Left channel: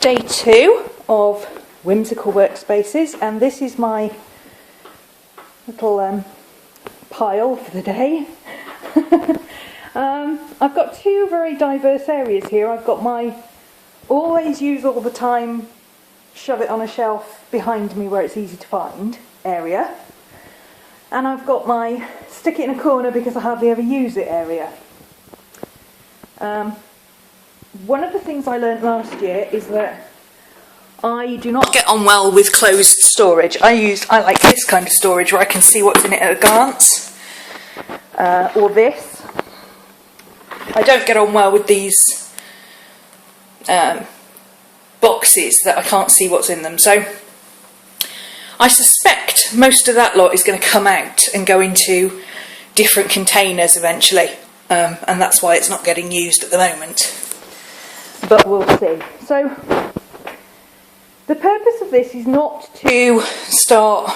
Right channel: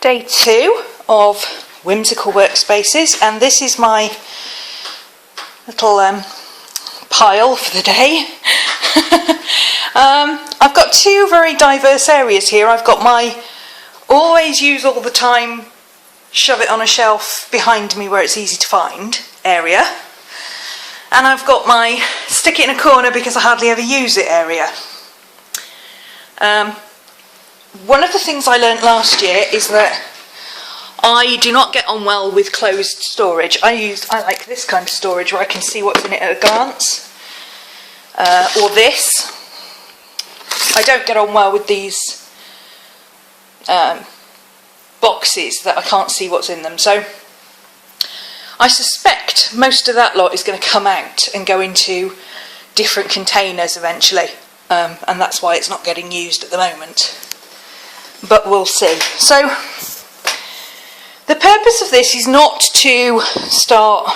Day 2 of whimsical workspaces, and this is my little pile for the day. I've got two very diverse areas here. I've got my always use all the time, shove it on a shelf behind me where it's easy to find area, and I've got my stick it in a corner because I hardly ever use it area. One of the things I learnt last year is that I do not get on well with closed storage. I like this kind of storage where I can see what's in it at a glance, or this. I don't get on well with these boxes that I can't see what's in them. So I suspect most of that lot is going to come out and go into different containers eventually, and that's why it's not getting used at the moment. But we'll see. So the purpose of this is not to start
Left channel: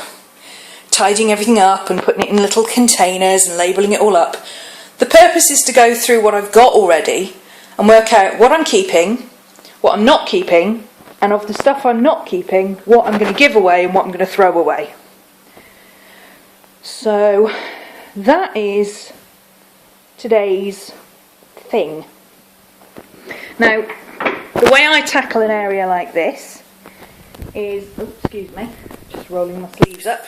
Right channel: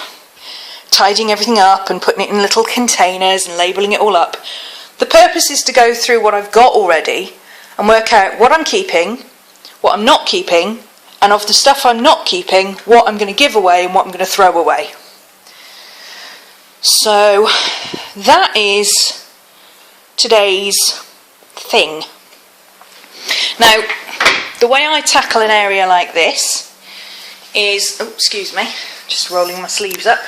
tidying everything up and putting it in little containers and labelling it all up. The purpose is to go through what I've got already and work out what I'm keeping, what I'm not keeping, and of the stuff I'm not keeping, what I'm going to give away and what I'm going to throw away. So that is today's thing. Now, the way I tackle an area like this is, oh, excuse me, just rolling my sleeves up.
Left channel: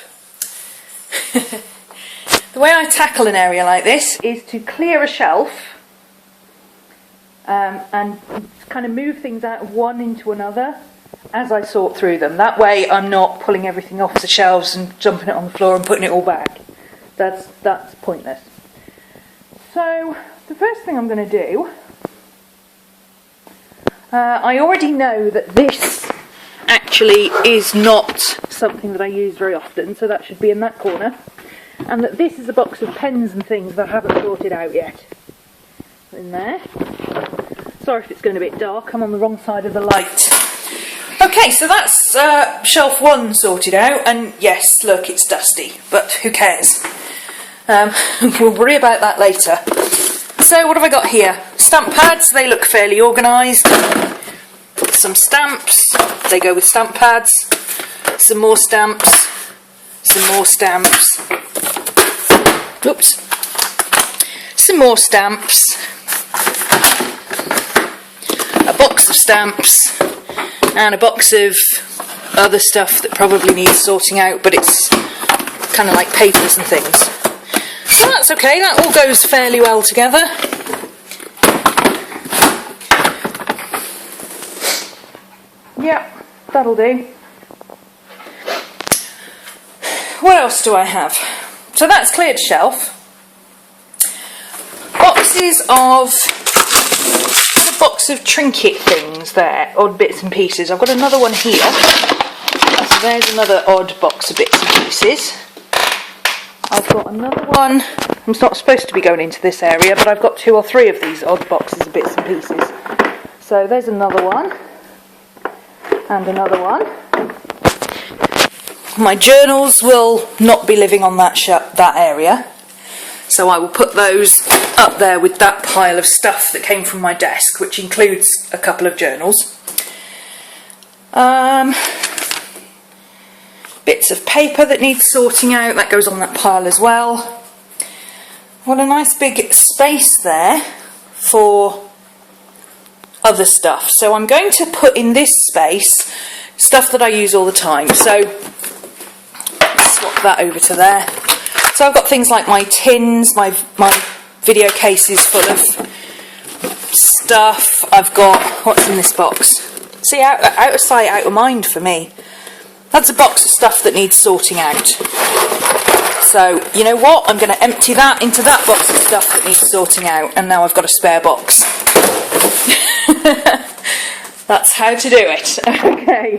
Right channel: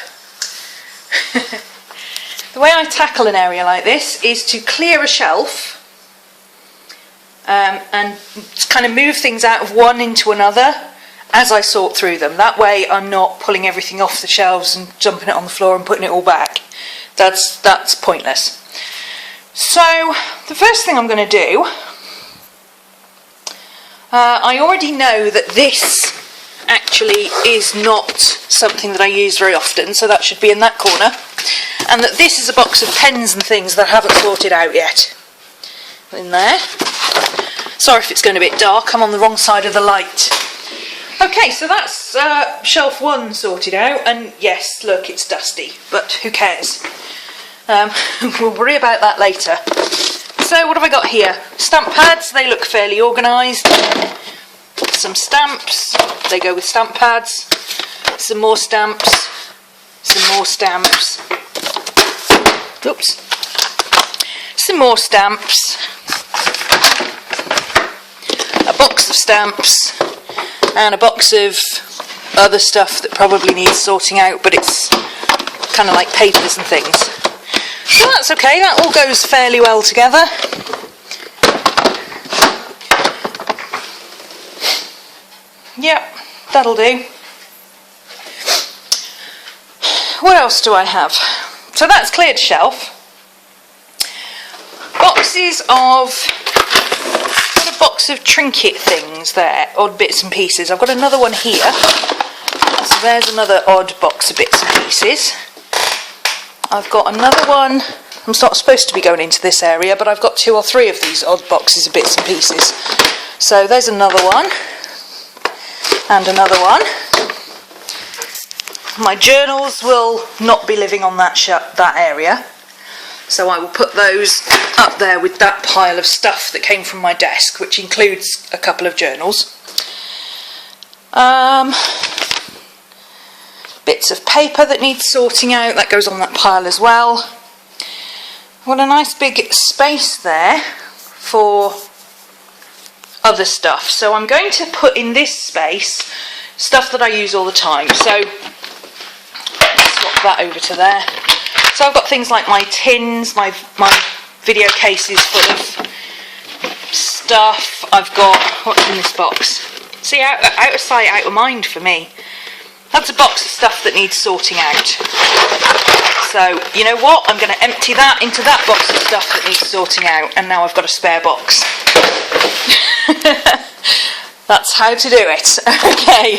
The way I tackle an area like this is to clear a shelf and kind of move things out of one into another as I sort through them. That way I'm not pulling everything off the shelves and dumping it on the floor and putting it all back. That's pointless. So the first thing I'm going to do, I already know that this actually is not something that I use very often, so that should be in that corner, and that this is a box of pens and things that I haven't sorted out yet. In there. Sorry if it's going a bit dark, I'm on the wrong side of the light. Okay, so that's shelf 1 sorted out, and yes, look, it's dusty, but who cares? We'll worry about that later. So what have I got here? Stamp pads, they look fairly organised. Some stamps, they go with stamp pads. Some more stamps. Some more stamps. Whoops. Some more stamps. A box of stamps. And a box of other stuff that probably needs sorting out, but it's kind of like papers and things. So that's okay, that all goes fairly well together. Yep, that'll do. What else do I have? So that's cleared shelf. Boxes of, a box of trinket things there, odd bits and pieces. I've got another one here. So there's another odd box of bits and pieces. I've got another one. I'm not supposed to be going into this area, but I've got 2 or 3 of these odd boxes of bits and pieces. So there's another one. And another one. My journals will not be living on that area, so I will put those up there with that pile of stuff that came from my desk, which includes a couple of journals. Bits of paper that needs sorting out, that goes on that pile as well. What a nice big space there for other stuff. So I'm going to put in this space stuff that I use all the time. So swap that over to there. So I've got things like my tins, my video cases full of stuff. I've got, what's in this box? See, out of sight, out of mind for me. That's a box of stuff that needs sorting out. So, you know what? I'm going to empty that into that box of stuff that needs sorting out, and now I've got a spare box. That's how to do it. Okay,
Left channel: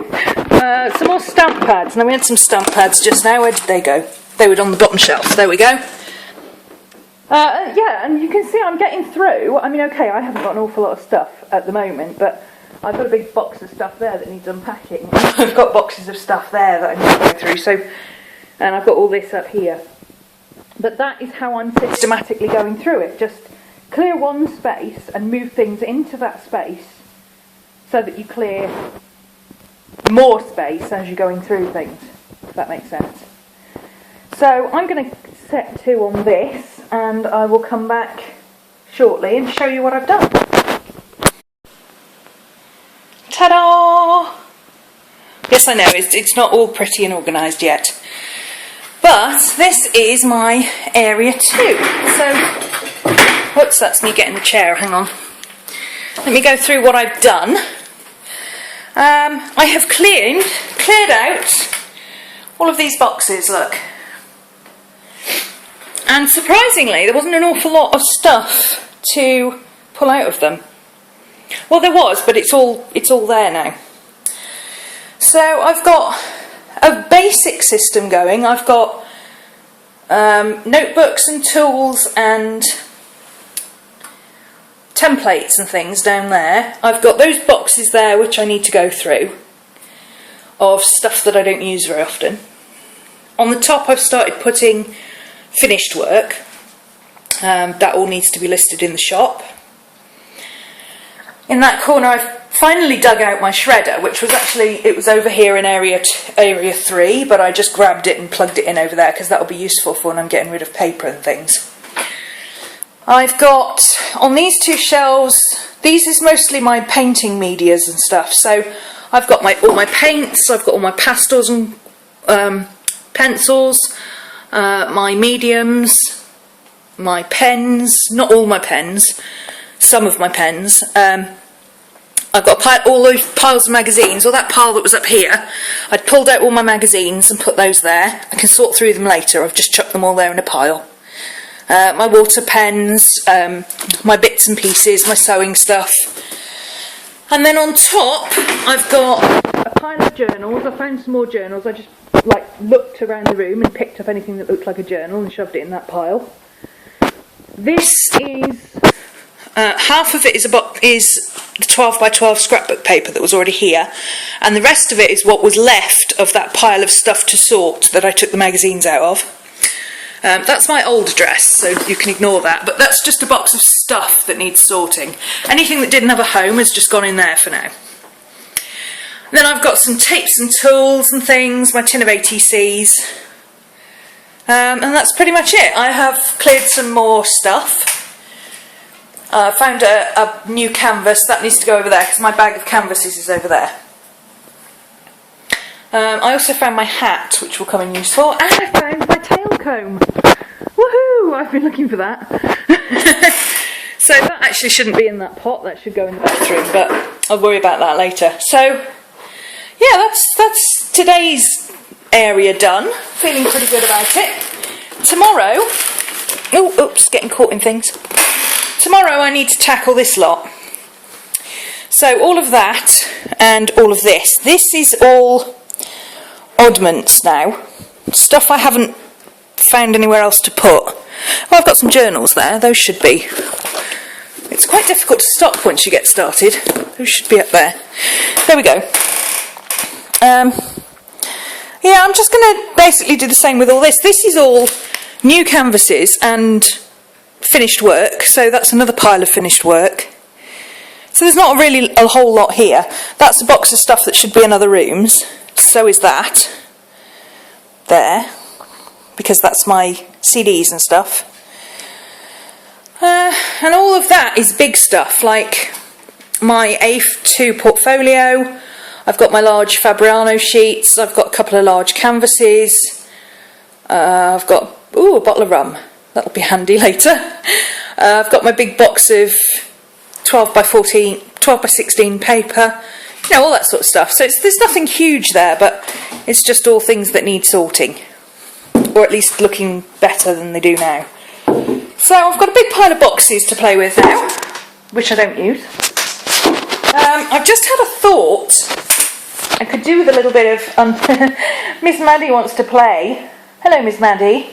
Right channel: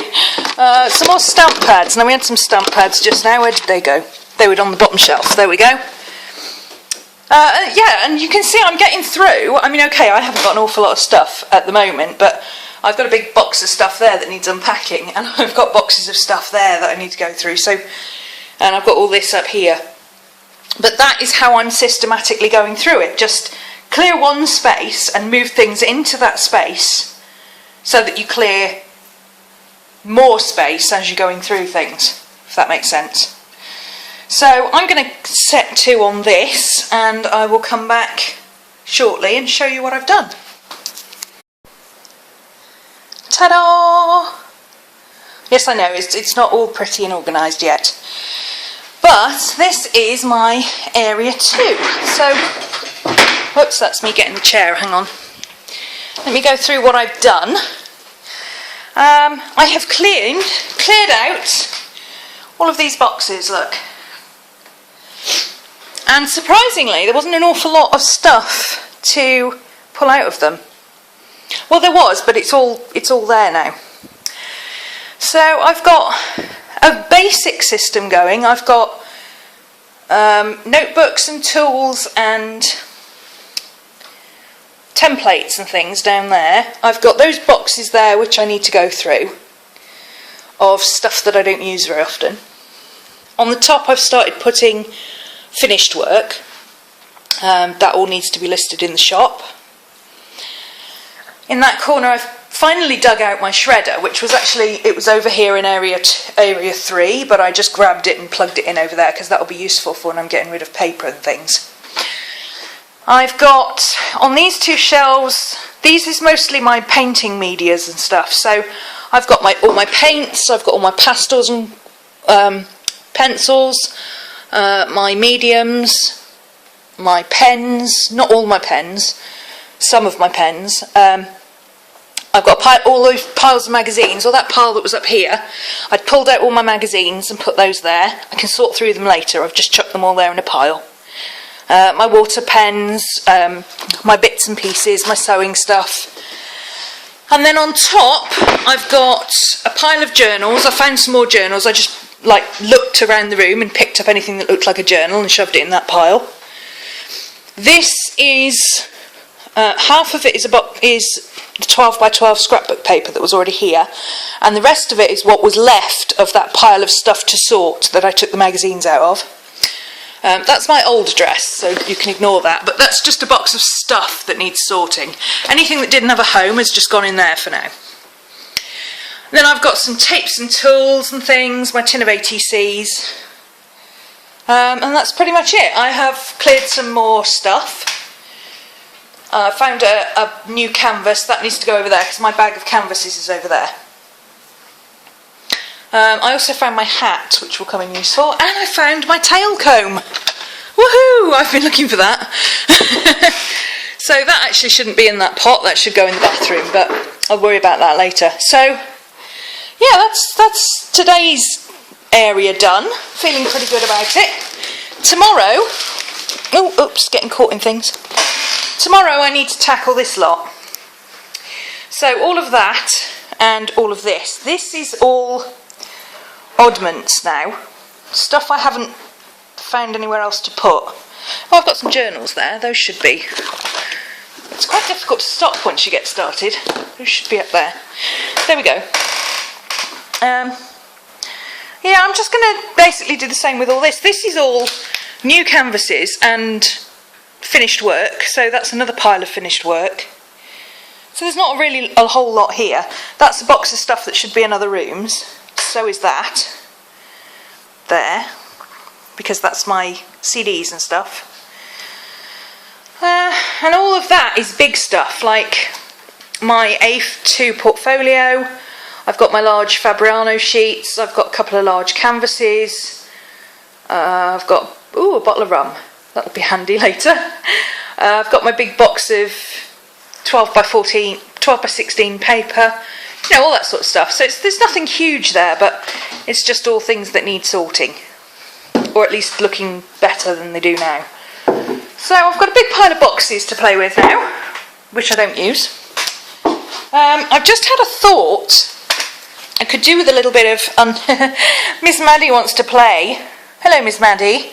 some more stamp pads. Now we had some stamp pads just now. Where did they go? They were on the bottom shelf. There we go. Yeah, and you can see I'm getting through. I mean, okay, I haven't got an awful lot of stuff at the moment, but I've got a big box of stuff there that needs unpacking. I've got boxes of stuff there that I need to go through. So, and I've got all this up here. But that is how I'm systematically going through it. Just clear one space and move things into that space so that you clear more space as you're going through things, if that makes sense. So I'm going to set 2 on this, and I will come back shortly and show you what I've done. Ta-da! Yes, I know, it's not all pretty and organised yet. But this is my area 2. So, whoops, that's me getting the chair, hang on. Let me go through what I've done. I have cleared out all of these boxes, look. And surprisingly, there wasn't an awful lot of stuff to pull out of them. Well, there was, but it's all there now. So I've got a basic system going. I've got notebooks and tools and templates and things down there. I've got those boxes there which I need to go through of stuff that I don't use very often. On the top I've started putting finished work. That all needs to be listed in the shop. In that corner I've finally dug out my shredder, which was actually, it was over here in area 3, but I just grabbed it and plugged it in over there because that will be useful for when I'm getting rid of paper and things. I've got, on these 2 shelves, these is mostly my painting medias and stuff, so I've got all my paints, I've got all my pastels and pencils, my mediums, my pens, not all my pens, some of my pens. I've got all those piles of magazines, or that pile that was up here. I'd pulled out all my magazines and put those there. I can sort through them later, I've just chucked them all there in a pile. My water pens, my bits and pieces, my sewing stuff. And then on top I've got a pile of journals. I found some more journals. I just looked around the room and picked up anything that looked like a journal and shoved it in that pile. This is half of it is the 12 by 12 scrapbook paper that was already here, and the rest of it is what was left of that pile of stuff to sort that I took the magazines out of. That's my old address, so you can ignore that, but that's just a box of stuff that needs sorting. Anything that didn't have a home has just gone in there for now. Then I've got some tapes and tools and things, my tin of ATCs, and that's pretty much it. I have cleared some more stuff. I found a new canvas, that needs to go over there because my bag of canvases is over there. I also found my hat, which will come in useful, and I found my tail comb. Woohoo! I've been looking for that. So that actually shouldn't be in that pot, that should go in the bathroom, but I'll worry about that later. So yeah, that's today's area done. Feeling pretty good about it. Tomorrow, oops, getting caught in things. Tomorrow I need to tackle this lot. So all of that and all of this. This is all oddments now. Stuff I haven't found anywhere else to put. Oh, I've got some journals there. Those should be. It's quite difficult to stop once you get started. Those should be up there. There we go. Yeah, I'm just going to basically do the same with all this. This is all new canvases and finished work, so that's another pile of finished work. So there's not really a whole lot here. That's a box of stuff that should be in other rooms. So is that. There. Because that's my CDs and stuff. And all of that is big stuff, like my A2 portfolio. I've got my large Fabriano sheets. I've got a couple of large canvases. I've got, a bottle of rum. That'll be handy later. I've got my big box of 12 by 16 paper, you know, all that sort of stuff. So there's nothing huge there, but it's just all things that need sorting, or at least looking better than they do now. So I've got a big pile of boxes to play with now, which I don't use. I've just had a thought. I could do with a little bit of... Miss Maddie wants to play. Hello, Miss Maddie.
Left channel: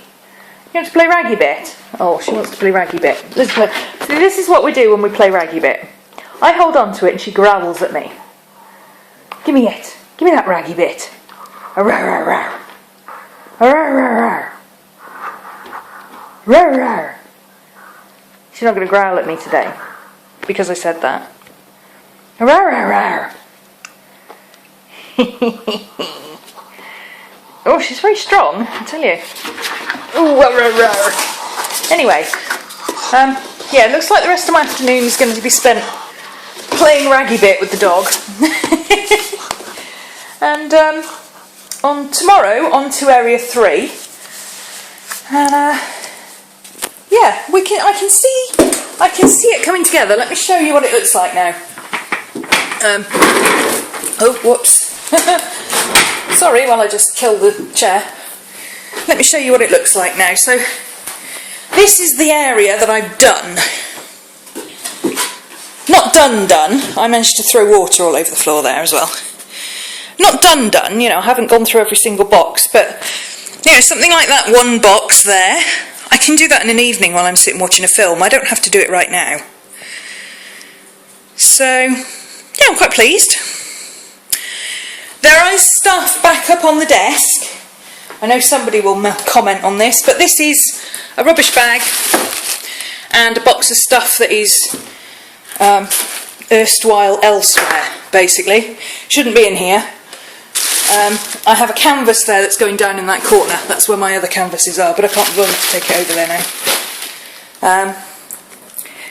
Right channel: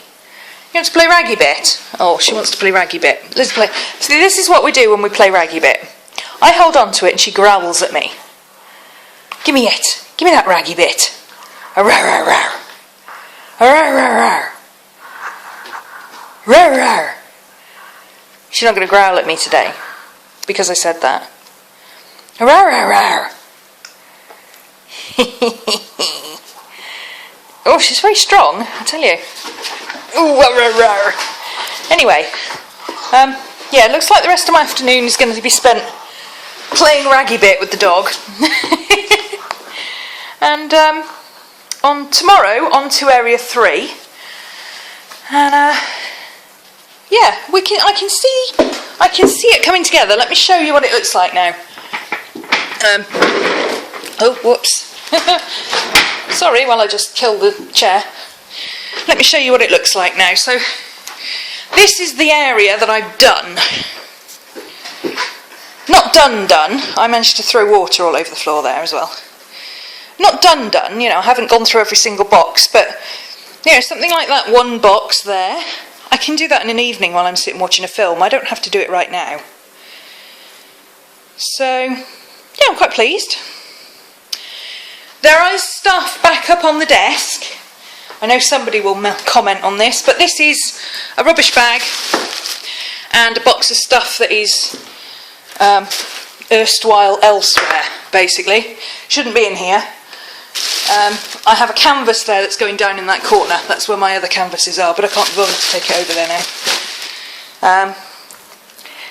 You want to play Raggy Bit? Oh, she wants to play Raggy Bit. Let's play. See, this is what we do when we play Raggy Bit. I hold on to it and she growls at me. Give me it. Give me that Raggy Bit. A rar rar rar. A rar rar rar. Rar rar. She's not going to growl at me today because I said that. A rar rar rar. Oh, she's very strong, I tell you. Ooh, rah, rah, rah. Anyway, yeah, it looks like the rest of my afternoon is going to be spent playing raggy bit with the dog. And on tomorrow, on to area 3. And yeah, I can see it coming together. Let me show you what it looks like now. Oh, whoops. Sorry, while I just killed the chair. Let me show you what it looks like now. So, this is the area that I've done. Not done. I managed to throw water all over the floor there as well. Not done, you know, I haven't gone through every single box, but yeah, something like that one box there. I can do that in an evening while I'm sitting watching a film. I don't have to do it right now. So, yeah, I'm quite pleased. There is stuff back up on the desk. I know somebody will comment on this, but this is a rubbish bag and a box of stuff that is erstwhile elsewhere, basically. Shouldn't be in here. I have a canvas there that's going down in that corner. That's where my other canvases are, but I can't bother to take it over there now.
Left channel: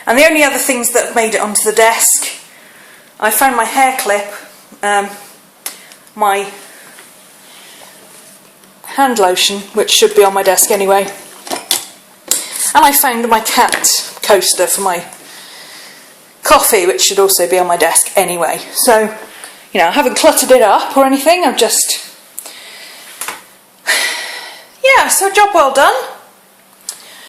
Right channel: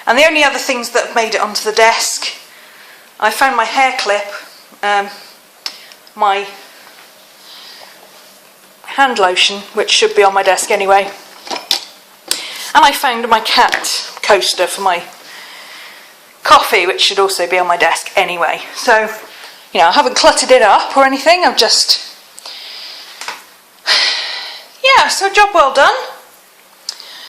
And the only other things that have made it onto the desk, I found my hair clip, my hand lotion, which should be on my desk anyway, and I found my cat coaster for my coffee, which should also be on my desk anyway. So, you know, I haven't cluttered it up or anything, I've just, yeah, so job well done.